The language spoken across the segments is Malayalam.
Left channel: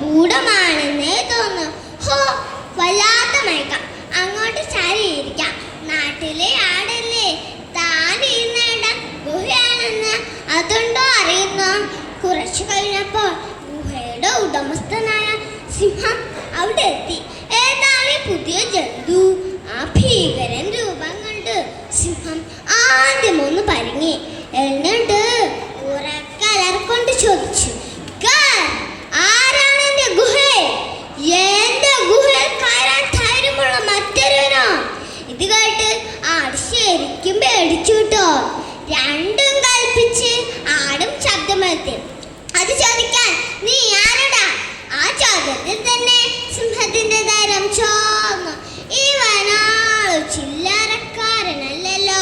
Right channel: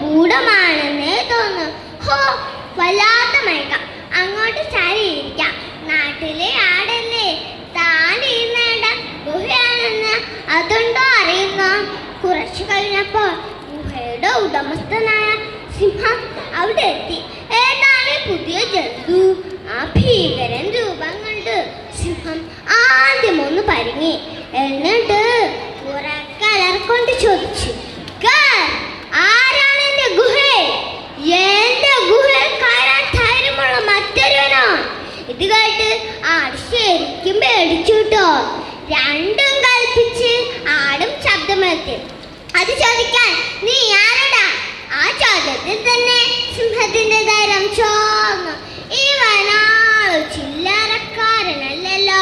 ഗൂഢമാണെന്നേ തോന്നുന്നു. ഹോ, വല്ലാത്ത മയക്കം. അങ്ങോട്ട് ചാരിയിരിക്കാം. നാട്ടിലെ ആടല്ലേ, താൻ ഇരുന്നേണ്ട ഗുഹയാണെന്ന് അതുണ്ടോ അറിയുന്നു. കുറച്ചു കഴിഞ്ഞപ്പോൾ ഗുഹയുടെ ഉടമസ്ഥനായ സിംഹം അവിടെ എത്തി. ഏതാണ് പുതിയ ജന്തു? ആ ഭീകരൻ രൂപം കണ്ട് സിംഹം ആദ്യം ഒന്ന് പരിങ്ങി. എന്നിട്ട് ഉറക്കലർക്കൊണ്ട് ചോദിച്ചു, ആരാണ് എന്റെ ഗുഹയിൽ? എന്റെ ഗുഹയിൽ കയറാൻ ധൈര്യമുള്ള മറ്റൊരുവനോ? ഇത് കേട്ട് ആട് ശരിക്കും പേടിച്ചു കേട്ടോ. രണ്ടും കൽപ്പിച്ച് ആടും ശബ്ദമെത്തി. അത് ചോദിക്കാൻ നീ ആരടാ? ആ ചോദ്യത്തിൽ തന്നെ സിംഹത്തിന്റെ ധൈര്യം ചോർന്നു. ഇവനാൾ ചില്ലറക്കാരനല്ലല്ലോ.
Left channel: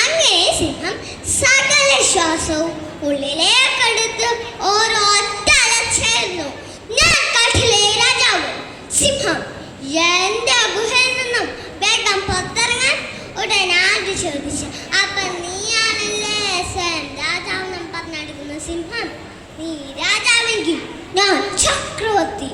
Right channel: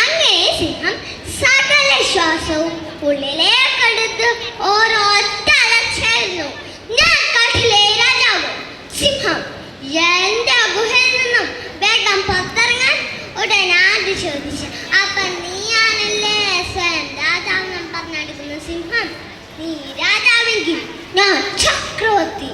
അങ്ങനെ സിംഹം സകല ശ്വാസവും ഉള്ളിലേക്കെടുത്ത് ഓരോറ്റ അലർച്ചയായിരുന്നു. ഞാൻ കാട്ടിലെ രാജാവ് സിംഹം. എന്റെ ഗുഹയിൽ നിന്നും വേഗം പുറത്തിറങ്ങാൻ ഉടനാട് ചോദിച്ചു. അപ്പൊ നീയാണല്ലേ സ്വയം രാജാവ് പറഞ്ഞെടുക്കുന്ന സിംഹം? നീ രാജാവെങ്കിൽ ഞാൻ ചക്രവർത്തി,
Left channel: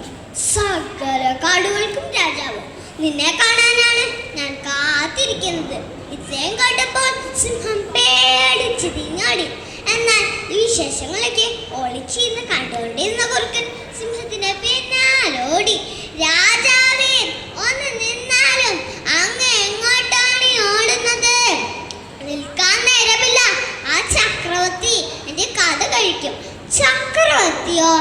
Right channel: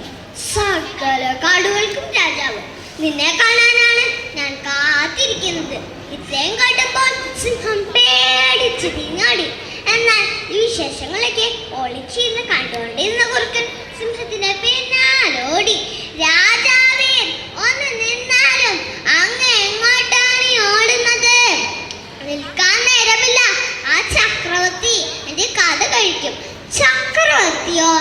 സകല കാടുകൾക്കും രാജാവ്. നിന്നെ കാണാനാണ് ഞാൻ കാത്തിരിക്കുന്നത്. ഇത്രയും കേട്ടപ്പോൾ സിംഹം പേടിച്ച് തിരിഞ്ഞോടി. എന്നാൽ ഈ വിശേഷങ്ങളൊക്കെ ഒളിച്ചിരുന്ന് കണ്ടുകൊണ്ടിരുന്ന കുറുക്കൻ സിംഹത്തിന്റെ പിന്നാലോടി. രാജാവേ, ഒന്ന് നിന്നാലും അങ്ങ് എങ്ങോട്ടാണ് ഓടുന്നത്? നിൽക്കാൻ നേരമില്ല, ആ ചക്രവർത്തി എന്റെ കഥ കഴിക്കും. ചക്രവർത്തിയോ?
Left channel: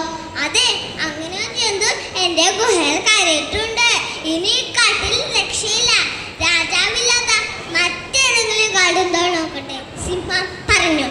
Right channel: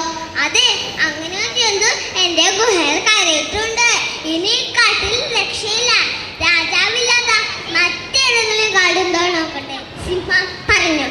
അതെ, അങ്ങനെ ഒരു ജന്തു എന്റെ ഗുഹയിൽ കയറിയിട്ടുണ്ട്. ഇനി കാട്ടിൽ രക്ഷയില്ല. രാജാവില്ലാത്ത മറ്റേതെങ്കിലും കാടുണ്ടോ നോക്കട്ടെ, സിംഹം പറഞ്ഞു.